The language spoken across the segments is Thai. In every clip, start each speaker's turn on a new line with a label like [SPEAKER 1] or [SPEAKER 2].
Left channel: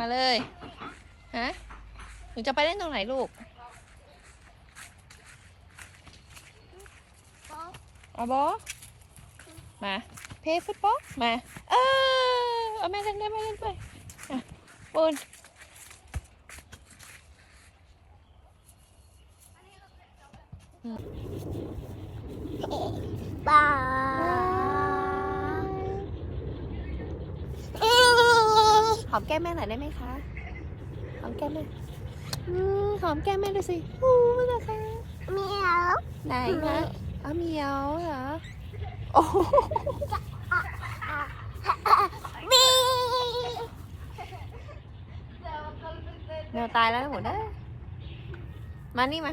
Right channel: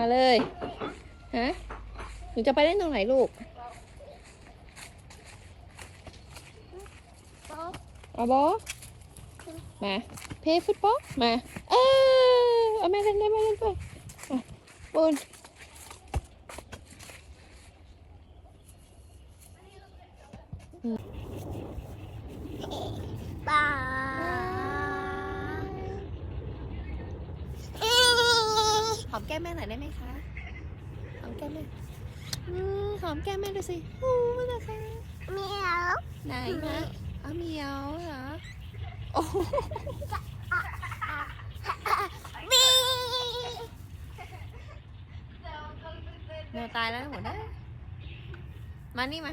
[SPEAKER 1] มาเลยฮะหนูจะไปเล่นตรงไหนลูกเอาบอมาเพย์ฟุตบอลมาเออเอาแม่เล่นด้วยแม่เล่นด้วยอะปูน
[SPEAKER 2] บาย
[SPEAKER 1] ห อมแก้มแม่หน่อยได้ไหมคะหอมแก้มแม่อืมหอมแก้มแม่ดูสิอู้ไม่ได้ค่ะ
[SPEAKER 2] เหมียว
[SPEAKER 1] ไหนนะเอาเหมียวเหรอโอ้โห
[SPEAKER 2] บี
[SPEAKER 1] แมวตายแล้วนะหมดเด้อมานี่มา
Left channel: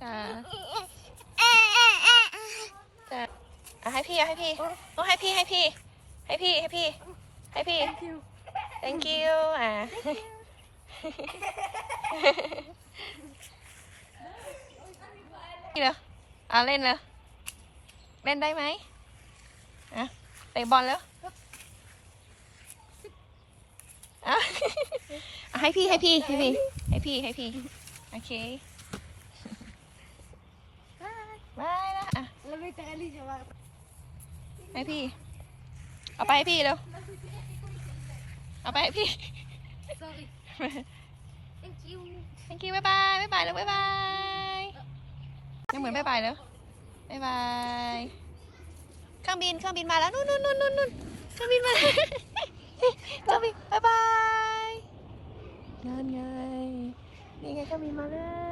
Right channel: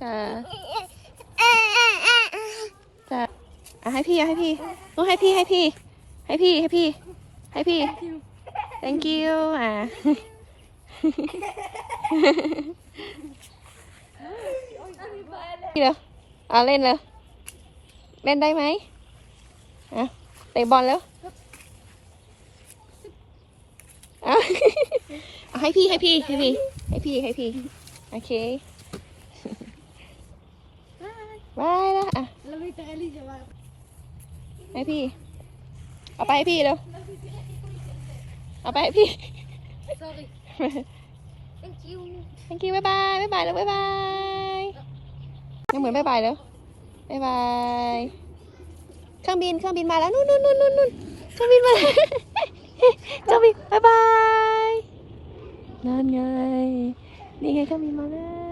[SPEAKER 1] จ้าจ้าเอาให้พี่เอาให้พี่ลูกให้พี่ให้พี่ ให้พี่ให้พี่ให้พี่ thank you อะเหรออะเล่นเลยเล่นได้ไหมอะเตะบอลแล้วให้พี่ให้พี่ให้พี่ ให้พี่ให้พี่ โอเคบายแล้วอะ
[SPEAKER 2] เราไม่ตายเลยใช่ไหม
[SPEAKER 1] ให้พี่ เอาไปให้พี่เร็ว เอาไปให้พี่
[SPEAKER 2] sorry thank you
[SPEAKER 1] thank you บ๊ายบายบ๊ายบายแล้วบ๊ายบายยังเหมือนบ๊ายบายแล้วบ๊ายบายเครื่องบินเครื่องบินมาแล้วนู่นนู่นนู่นนู่นนู่นเครื่องบินมาแล้วเครื่องบินบ๊ายบาย นั่นไง นี่ไงก็มีมา